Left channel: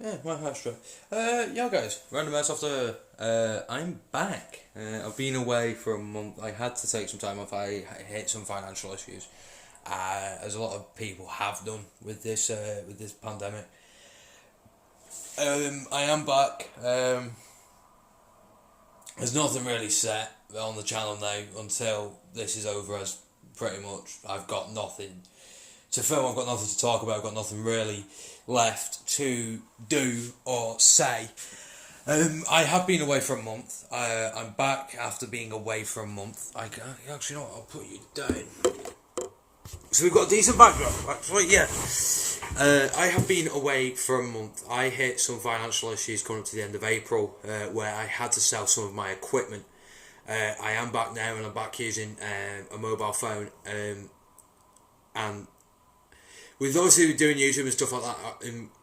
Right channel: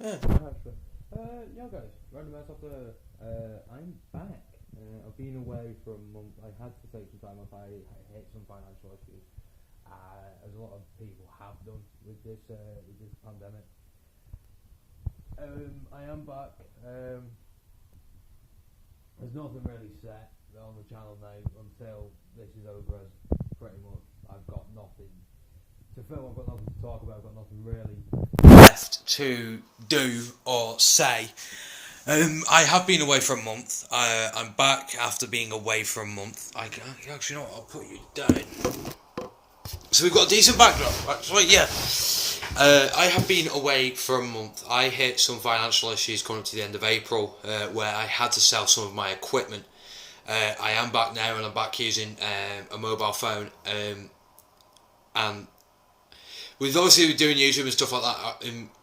Yeah, well, that's true. Yeah, guys, random ass after. I'm back. I've been away for a month. I had to take some time off. I hit some financial issues, as a lot of people have done with this pandemic. I am back. There's nothing really set on the channel now until this is over. As pretty much, I've got nothing to film. I've got nothing to talk about. I've got nothing really left to do or say. I have been away for a month. I'm back after being away for a month. Actually, you know what? I'll put you down. So we've got a decent backdrop. Actually, yeah. I have been away for a month. I hit some financial issues coming up to the end of April, where I had to sell some of my equipment. I am back now, and I'm back using a mobile phone. And with obviously doing YouTube and stuff like that,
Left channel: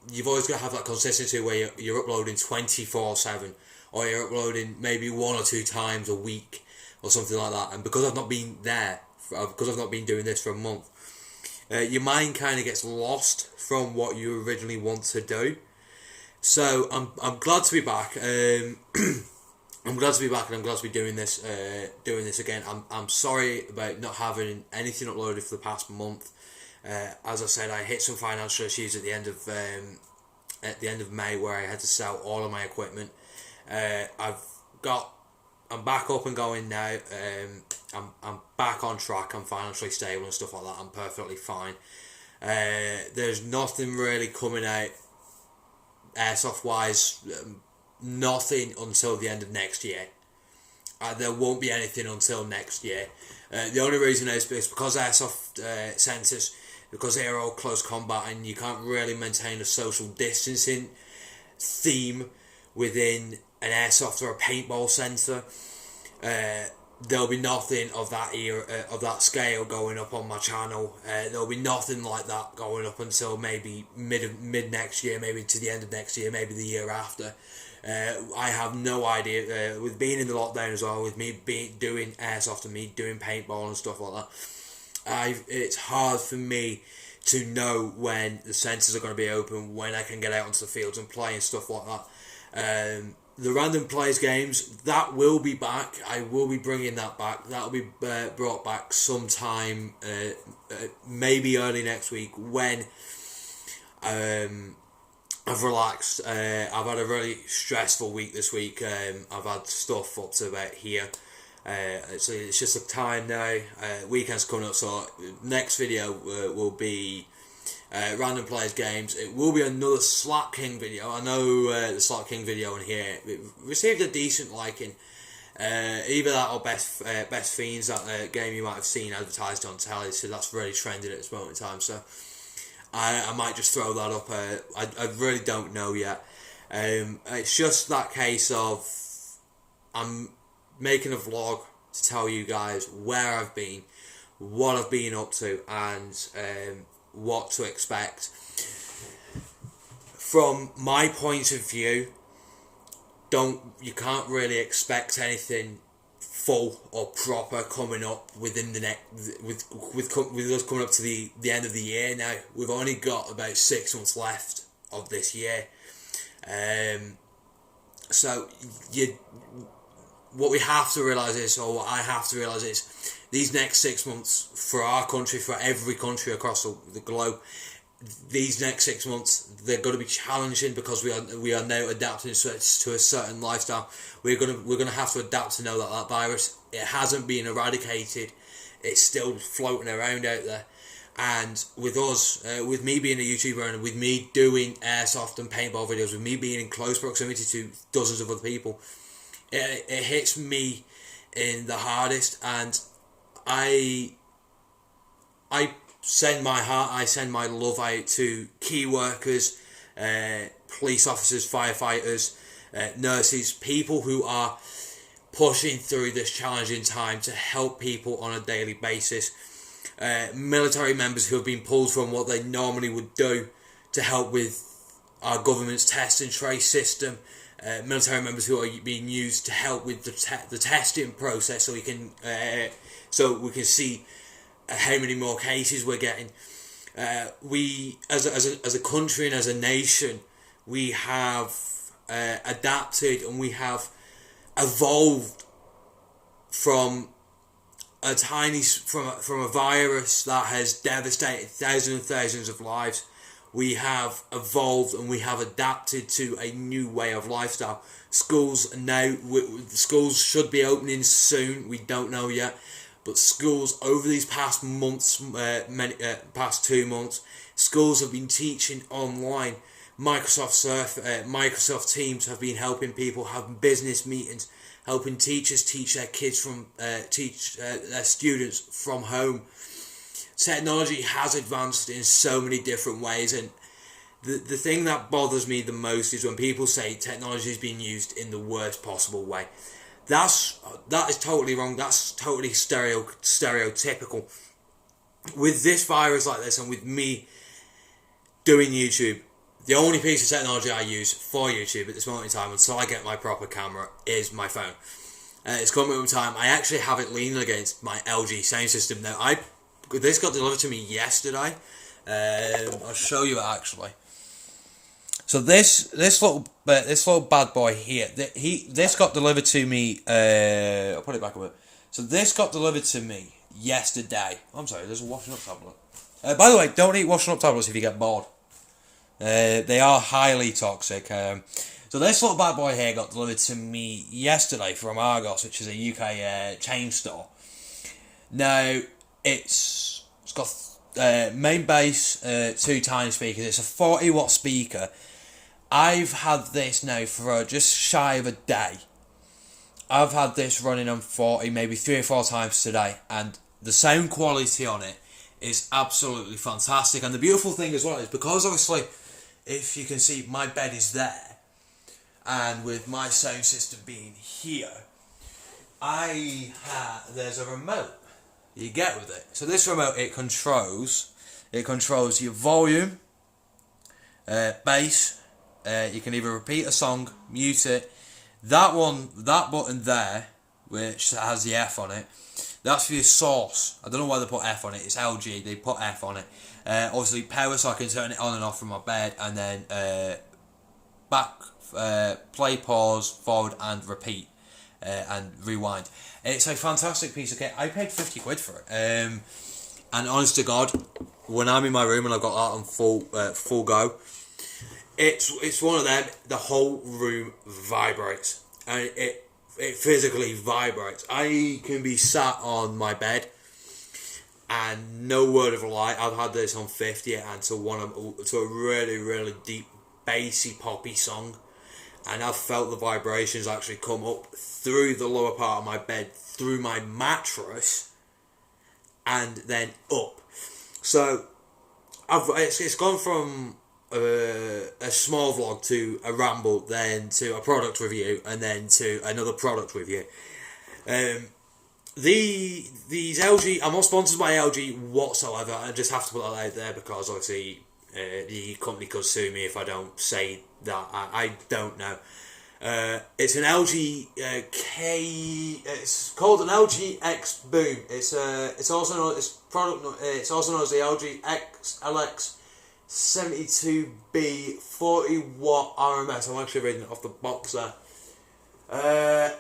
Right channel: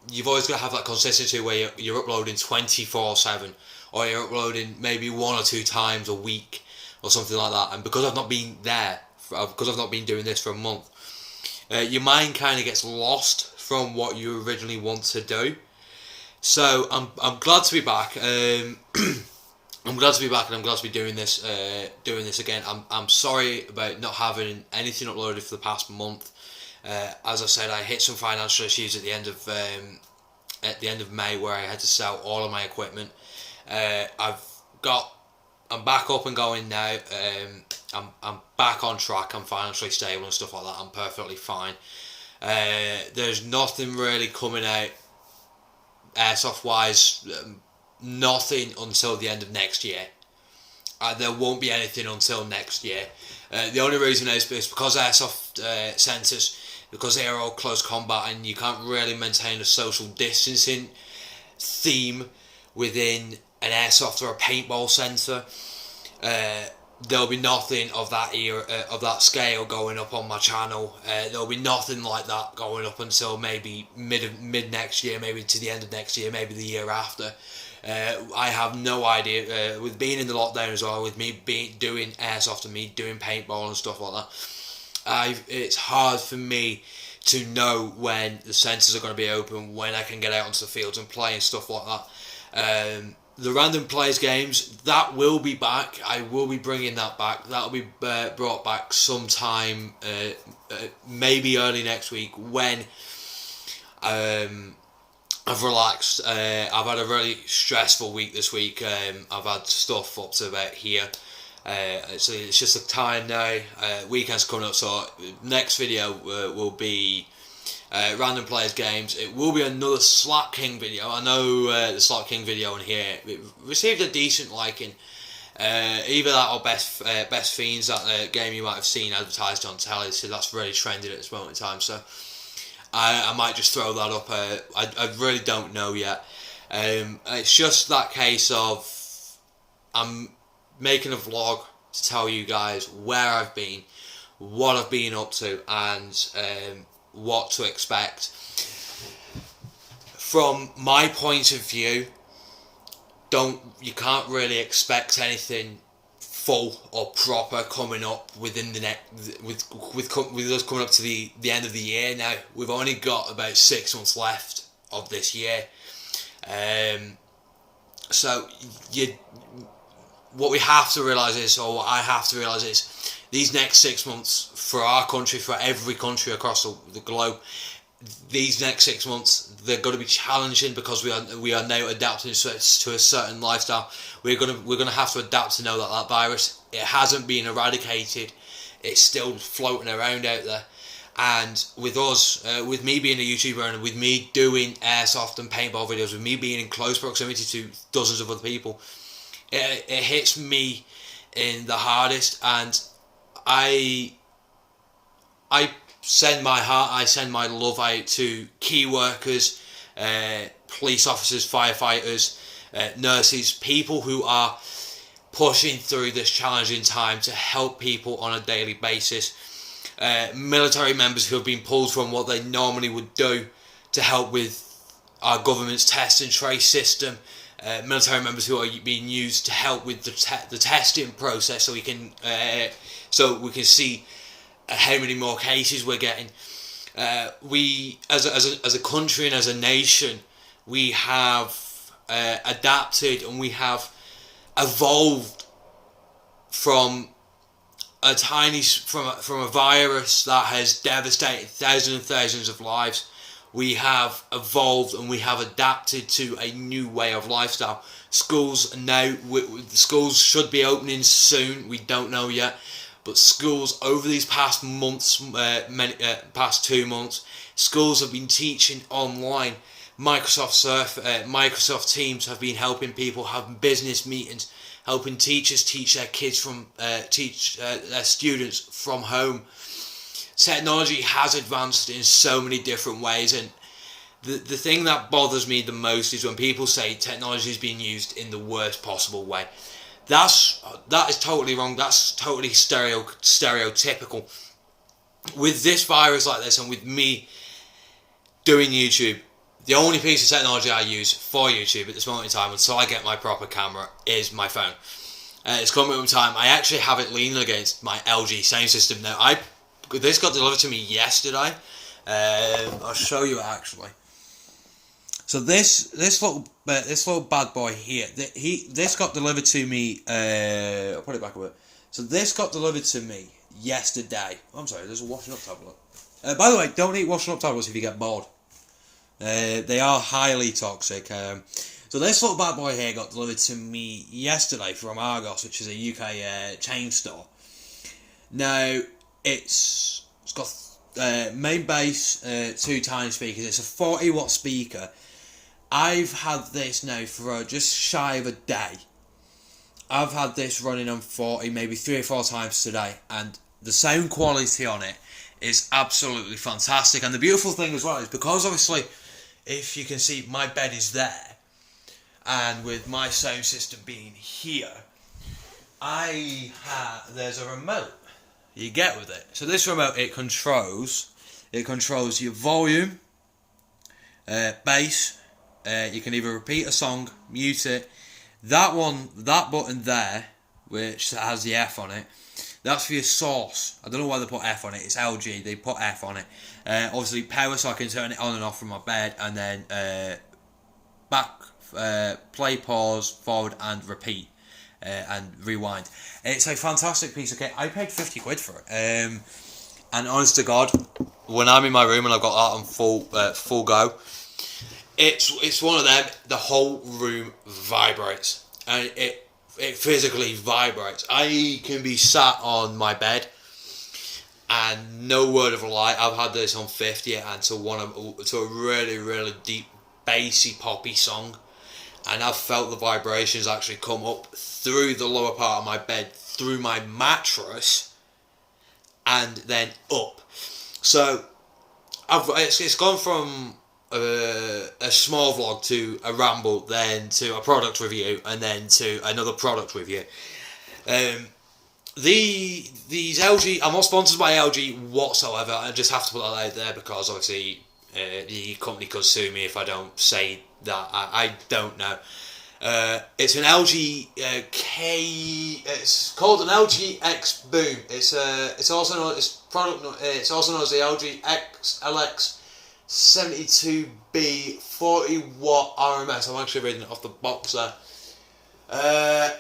you've always got to have that consistency where you're uploading 24/7, or you're uploading maybe one or two times a week or something like that. And because I've not been there, because I've not been doing this for a month, your mind kind of gets lost from what you originally want to do. So I'm glad to be back. I'm glad to be back, and I'm glad to be doing this again. I'm sorry about not having anything uploaded for the past month. As I said, I hit some financial issues at the end of May, where I had to sell all of my equipment. I'm back up and going now. I'm back on track. I'm financially stable and stuff like that. I'm perfectly fine. There's nothing really coming out airsoft wise. Nothing until the end of next year. There won't be anything until next year. The only reason is because airsoft centres, because they are all close combat, and you can't really maintain a social distancing theme within an airsoft or a paintball centre. There'll be nothing of that of that scale going up on my channel. There'll be nothing like that going up until maybe mid next year, maybe to the end of next year, maybe the year after. I have no idea. With being in the lockdown as well, with me doing airsoft and me doing paintball and stuff like that, it's hard for me to know when the centres are going to be open, when I can get out onto the fields and play and stuff like that. The random players games, that will be back. I will be bringing that back. That'll be brought back sometime, maybe early next week, when I've relaxed. I've had a really stressful week this week. I've had stuff up to about here. It's just a time now. Weekend's coming up, so next video will be random players games. It will be another Slap King video. I know the Slap King video in here it received a decent liking. Either that or Best Fiends, that game you might have seen advertised on telly. So that's really trending at this moment in time. So I might just throw that up. I really don't know yet. It's just that case of I'm making a vlog to tell you guys where I've been, what I've been up to, and what to expect. From my point of view, you can't really expect anything full or proper coming up within the with us coming up to the end of the year now. We've only got about 6 months left of this year. So what we have to realise is, or what I have to realise is, these next 6 months for our country, for every country across the globe, these next 6 months, they're going to be challenging because we are now adapting to a certain lifestyle. We're gonna have to adapt to know that virus, it hasn't been eradicated. It's still floating around out there. And with us, with me being a YouTuber and with me doing airsoft and paintball videos, with me being in close proximity to dozens of other people, it hits me in the hardest. And I send my heart, I send my love out to key workers, police officers, firefighters, nurses, people who are pushing through this challenging time to help people on a daily basis. Military members who have been pulled from what they normally would do to help with our government's test and trace system. Military members who are being used to help with the testing process, so we can see how many more cases we're getting. We as a country and as a nation, we have adapted and we have evolved from from a virus that has devastated thousands and thousands of lives. We have evolved and we have adapted to a new way of lifestyle. Schools now, schools should be opening soon. We don't know yet, but schools over these past months, past 2 months, schools have been teaching online. Microsoft Teams have been helping people have business meetings, helping teachers teach their kids their students from home. Technology has advanced in so many different ways, and the thing that bothers me the most is when people say technology is being used in the worst possible way. That is totally wrong. That's totally stereotypical. With this virus like this, and with me doing YouTube, the only piece of technology I use for YouTube at this moment in time, until I get my proper camera, is my phone. It's coming up time. I actually have it leaning against my LG sound system now. This got delivered to me yesterday. I'll show you it actually. So this little bad boy here, this got delivered to me. I'll put it back a bit. So this got delivered to me yesterday. I'm sorry, there's a washing up tablet. By the way, don't eat washing up tablets if you get bored. They are highly toxic. So this little bad boy here got delivered to me yesterday from Argos, which is a UK chain store. Now it's got main bass, 2 tiny speakers. It's a 40 watt speaker. I've had this now for just shy of a day. I've had this running on 40 maybe 3 or 4 times today, and the sound quality on it is absolutely fantastic. And the beautiful thing as well is, because obviously, if you can see, my bed is there, and with my sound system being here, there's a remote you get with it. So this remote, it controls your volume, bass. You can either repeat a song, mute it. That button there, which has the F on it, that's for your source. I don't know why they put F on it. It's LG. They put F on it. Obviously power, so I can turn it on and off from my bed, and then back, play, pause, forward, and repeat, and rewind. It's a fantastic piece of kit. I paid 50 quid for it. And honest to God, when I'm in my room and I've got that on full go, it's one of them. The whole room vibrates, and it physically vibrates. I can be sat on my bed, and no word of a lie, I've had this on 50 and to a really, really deep, bassy, poppy song, and I've felt the vibrations actually come up through the lower part of my bed, through my mattress, and then up. So it's gone from a small vlog to a ramble, then to a product review, and then to another product review. These LG, I'm not sponsored by LG whatsoever. I just have to put that out there because obviously the company could sue me if I don't say that. I don't know. It's an LG It's called an LG X Boom. It's also known as It's also known as the LG LX 72B 40 watt RMS. I'm actually reading it off the box there.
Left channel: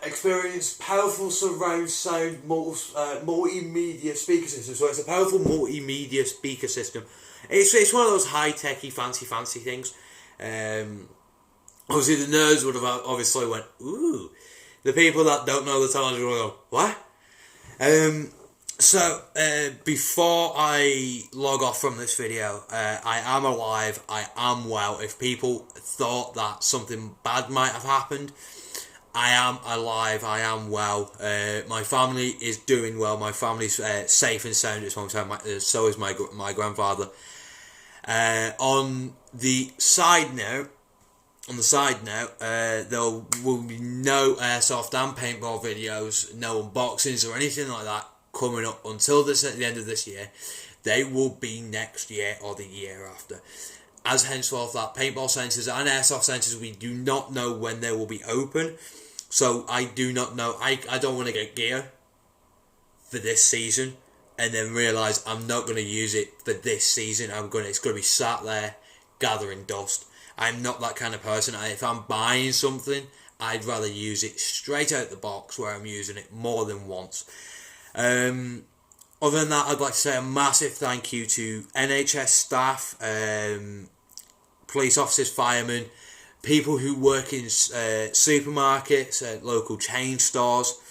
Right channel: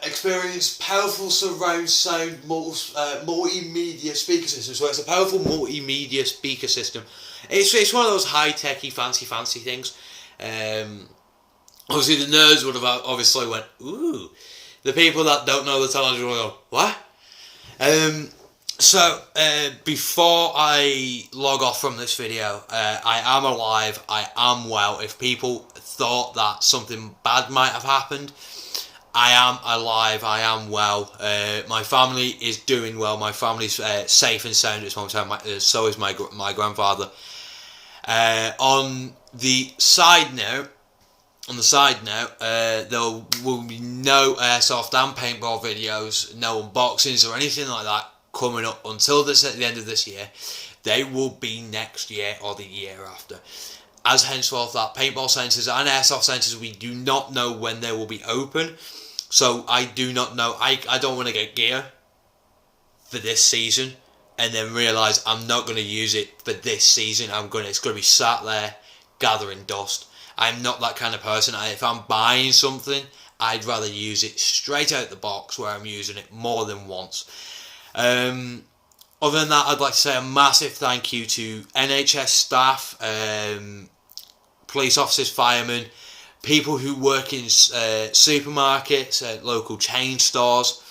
Experience powerful surround sound multimedia speaker system. So it's a powerful multimedia speaker system. It's one of those high techy fancy things. Obviously the nerds would have obviously went ooh. The people that don't know the technology will go what? So, before I log off from this video, I am alive, I am well. If people thought that something bad might have happened, I am alive, I am well. My family is doing well, my family's safe and sound at this moment in time, so is my grandfather. On the side note, there will be no airsoft and paintball videos, no unboxings or anything like that coming up until at the end of this year. They will be next year or the year after. As henceforth, that paintball centres and airsoft centres, we do not know when they will be open. So I do not know. I don't want to get gear for this season and then realise I'm not going to use it for this season. It's going to be sat there gathering dust. I'm not that kind of person. If I'm buying something, I'd rather use it straight out the box where I'm using it more than once. Other than that, I'd like to say a massive thank you to NHS staff, police officers, firemen, people who work in supermarkets, local chain stores,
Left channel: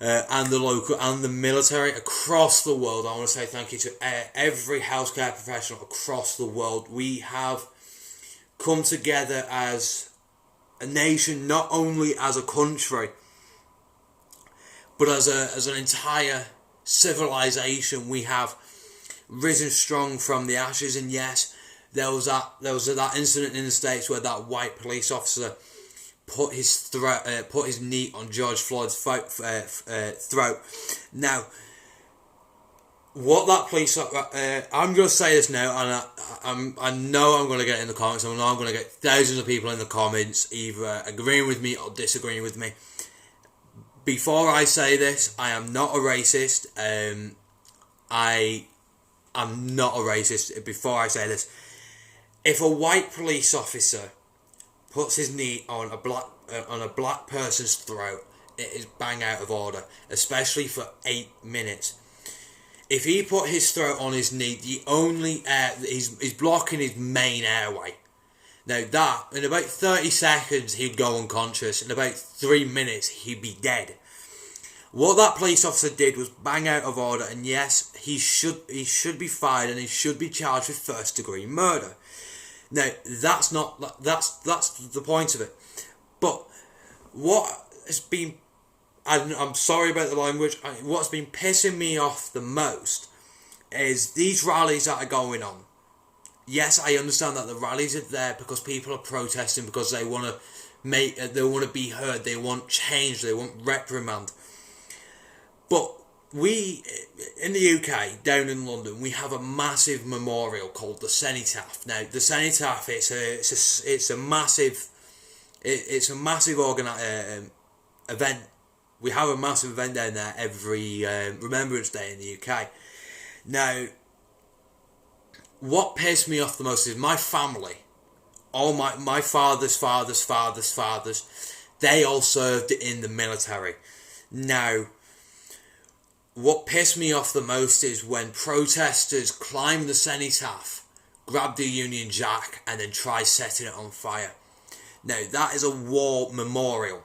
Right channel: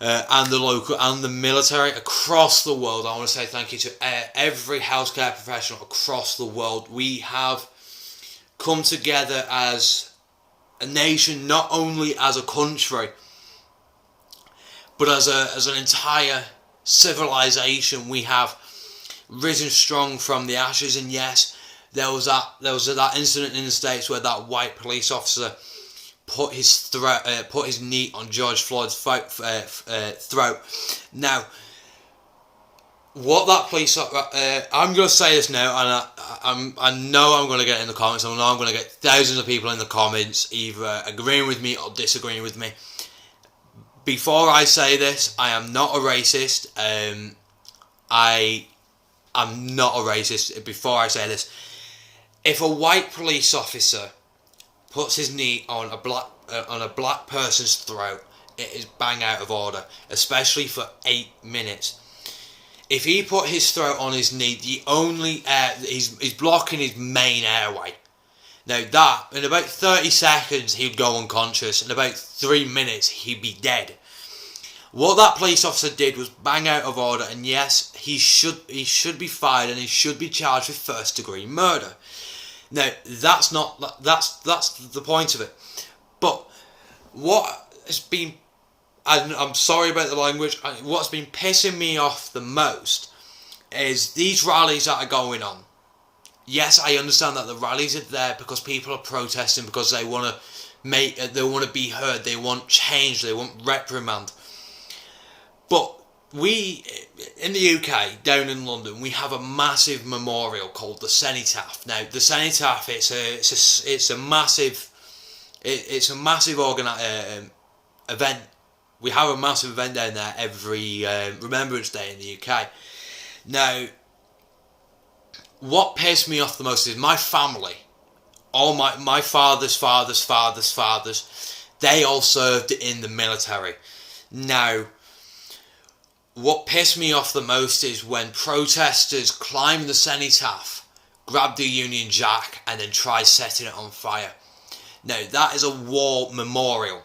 and the military across the world. I want to say thank you to every healthcare professional across the world. We have come together as a nation, not only as a country, but as an entire civilization. We have risen strong from the ashes. And yes, there was that incident in the States where that white police officer put his knee on George Floyd's throat. Now, what that police I'm going to say this now, and I know I'm going to get in the comments. I know I'm going to get thousands of people in the comments either agreeing with me or disagreeing with me. Before I say this, I am not a racist. I am not a racist. Before I say this, if a white police officer puts his knee on a black person's throat, it is bang out of order, especially for 8 minutes. If he put his throat on his knee, the only air he's blocking his main airway. Now that, in about 30 seconds, he'd go unconscious. In about 3 minutes, he'd be dead. What that police officer did was bang out of order, and yes, he should be fired and he should be charged with first-degree murder. Now, that's the point of it. But what has been, I'm sorry about the language, what's been pissing me off the most is these rallies that are going on. Yes, I understand that the rallies are there because people are protesting, because they want to be heard, they want change, they want reprimand. But we, in the UK, down in London, we have a massive memorial called the Cenotaph. Now, the Cenotaph, it's a massive event. We have a massive event down there every Remembrance Day in the UK. Now, what pissed me off the most is my family, all my father's fathers, they all served in the military. Now, what pissed me off the most is when protesters climb the Cenotaph, grab the Union Jack, and then try setting it on fire. Now, that is a war memorial.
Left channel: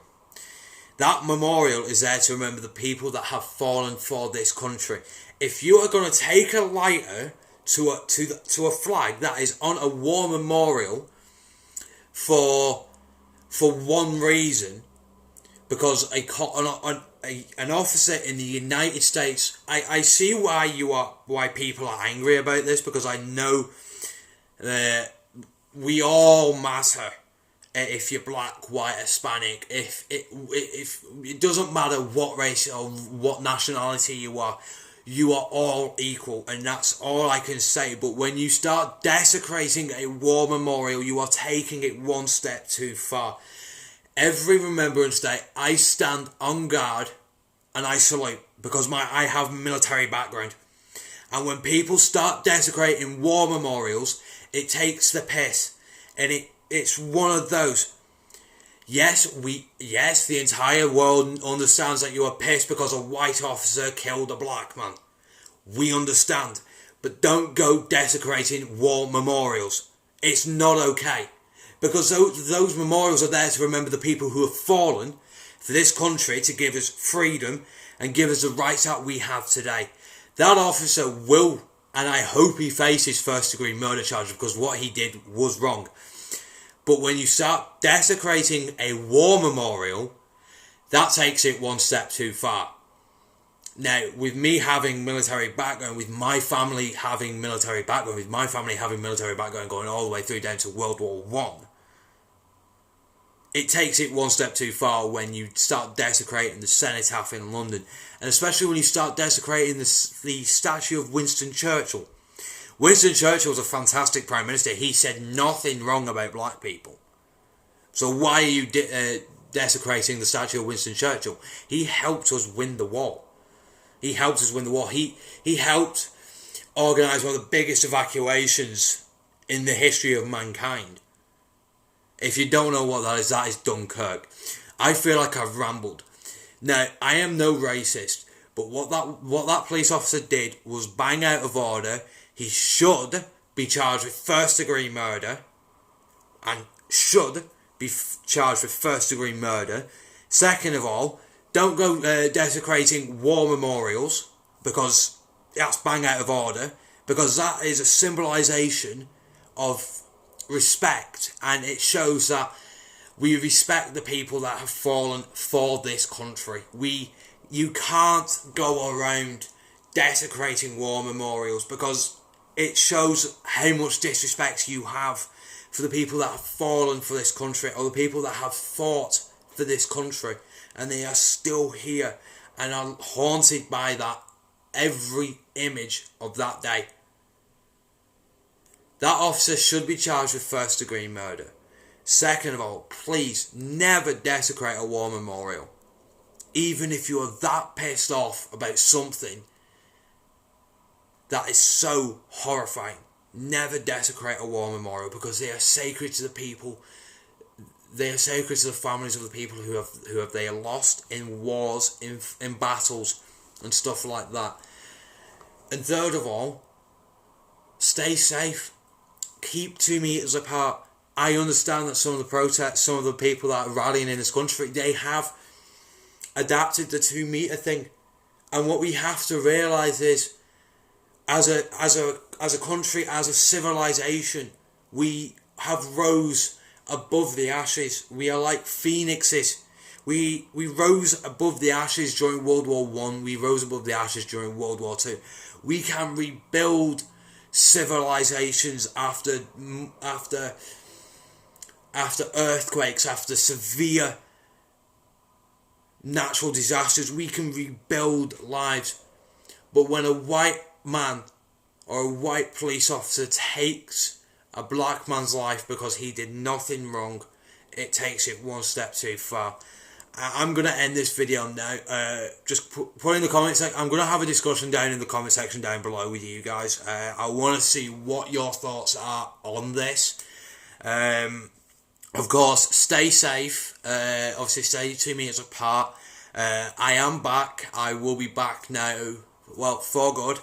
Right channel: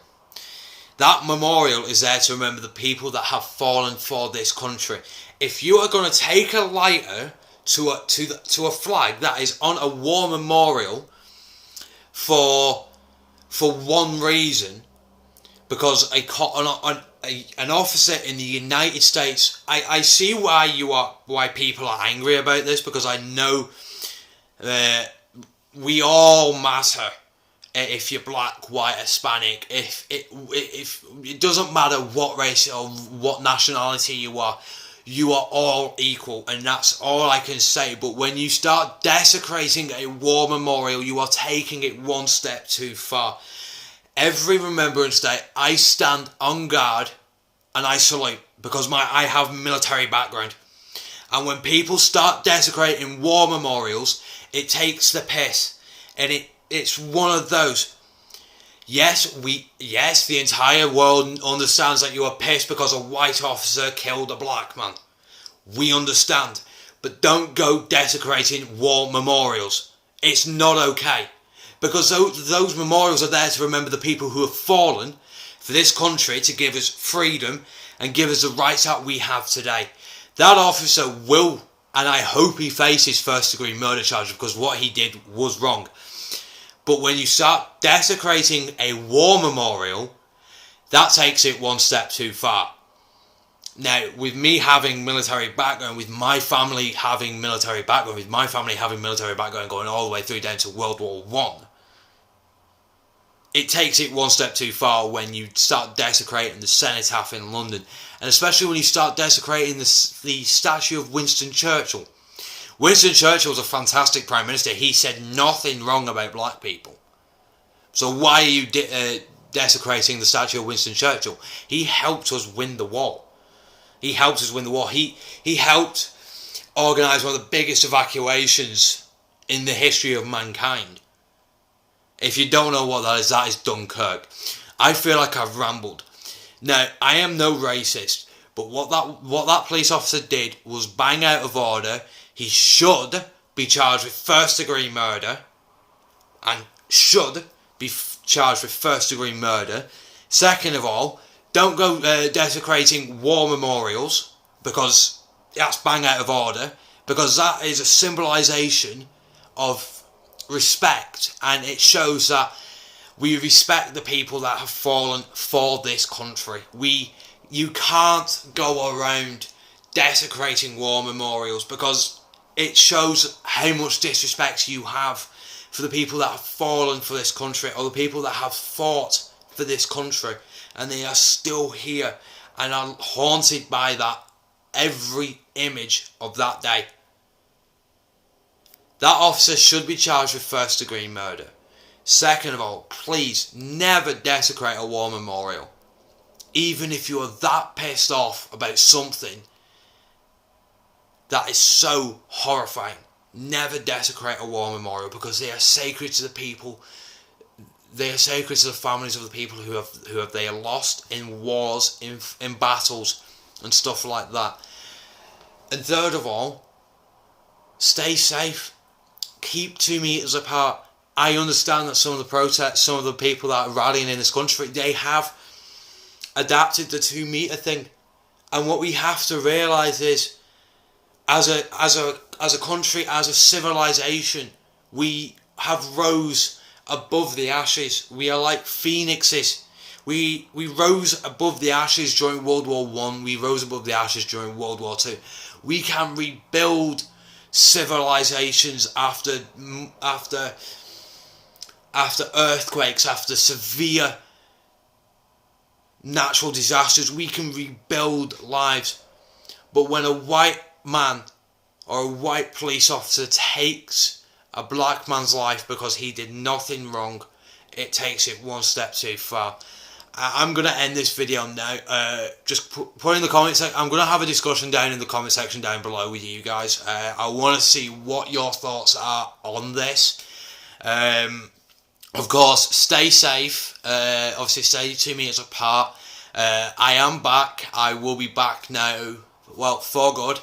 That memorial is there to remember the people that have fallen for this country. If you are going to take a lighter to a flag that is on a war memorial for one reason, because an officer in the United States, I see why people are angry about this, because I know we all matter. If you're black, white, Hispanic, if it doesn't matter what race or what nationality you are all equal, and that's all I can say. But when you start desecrating a war memorial, you are taking it one step too far. Every Remembrance Day, I stand on guard and I salute, because I have military background. And when people start desecrating war memorials, it takes the piss, and it's one of those. Yes, the entire world understands that you are pissed because a white officer killed a black man. We understand. But don't go desecrating war memorials. It's not okay. Because those memorials are there to remember the people who have fallen for this country, to give us freedom and give us the rights that we have today. That officer will, and I hope he faces first-degree murder charges, because what he did was wrong. But when you start desecrating a war memorial, that takes it one step too far. Now, with me having military background, with my family having military background going all the way through down to World War I, it takes it one step too far when you start desecrating the Cenotaph in London. And especially when you start desecrating the statue of Winston Churchill. Winston Churchill was a fantastic Prime Minister. He said nothing wrong about black people. So why are you desecrating the statue of Winston Churchill? He helped us win the war. He helped organise one of the biggest evacuations in the history of mankind. If you don't know what that is Dunkirk. I feel like I've rambled. Now, I am no racist, but what that police officer did was bang out of order. He should be charged with first-degree murder, and should be charged with first-degree murder. Second of all, don't go desecrating war memorials, because that's bang out of order, because that is a symbolisation of respect, and it shows that we respect the people that have fallen for this country. You can't go around desecrating war memorials, because it shows how much disrespect you have for the people that have fallen for this country, or the people that have fought for this country, and they are still here and are haunted by that every image of that day. That officer should be charged with first degree murder. Second of all, please never desecrate a war memorial. Even if you are that pissed off about something that is so horrifying, never desecrate a war memorial, because they are sacred to the people. They are sacred to the families of the people who have they lost in wars, in battles, and stuff like that. And third of all, stay safe. Keep 2 meters apart. I understand that some of the protests, some of the people that are rallying in this country, they have adapted the 2 meter thing. And what we have to realise is, as a country, as a civilization, we have rose above the ashes. We are like phoenixes. We rose above the ashes during World War One. We rose above the ashes during World War Two. We can rebuild civilizations after earthquakes, after severe natural disasters. We can rebuild lives. But when a white man or a white police officer takes a black man's life because he did nothing wrong, it takes it one step too far. I'm going to end this video now. Just put in the comments section. I'm going to have a discussion down in the comment section down below with you guys. I want to see what your thoughts are on this. Of course, stay safe. Obviously, stay 2 meters apart. I am back. I will be back now. Well, for good.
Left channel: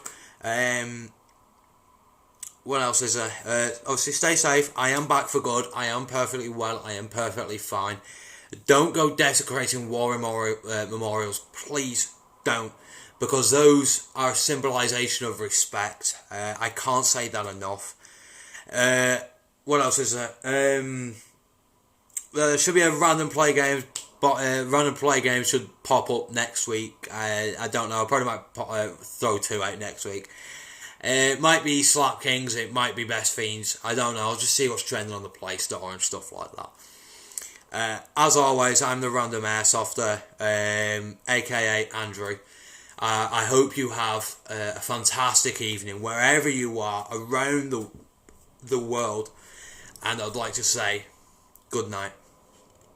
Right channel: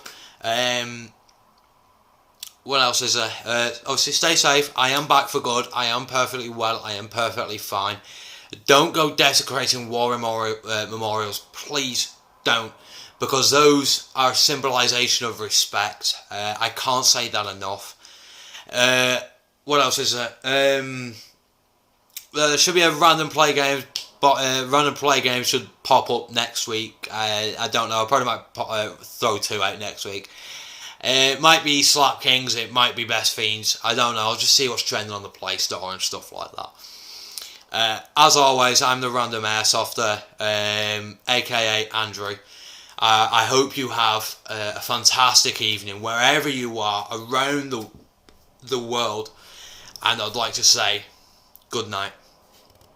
What else is there? Obviously, stay safe. I am back for good. I am perfectly well. I am perfectly fine. Don't go desecrating war memorials. Please don't. Because those are a symbolisation of respect. I can't say that enough. What else is there? There should be a random play game. But random play game should pop up next week. I don't know. I probably might throw 2 out next week. It might be Slap Kings. It might be Best Fiends. I don't know. I'll just see what's trending on the Play Store and stuff like that. As always, I'm the Random Airsofter, aka Andrew. I hope you have a fantastic evening wherever you are around the world. And I'd like to say good night.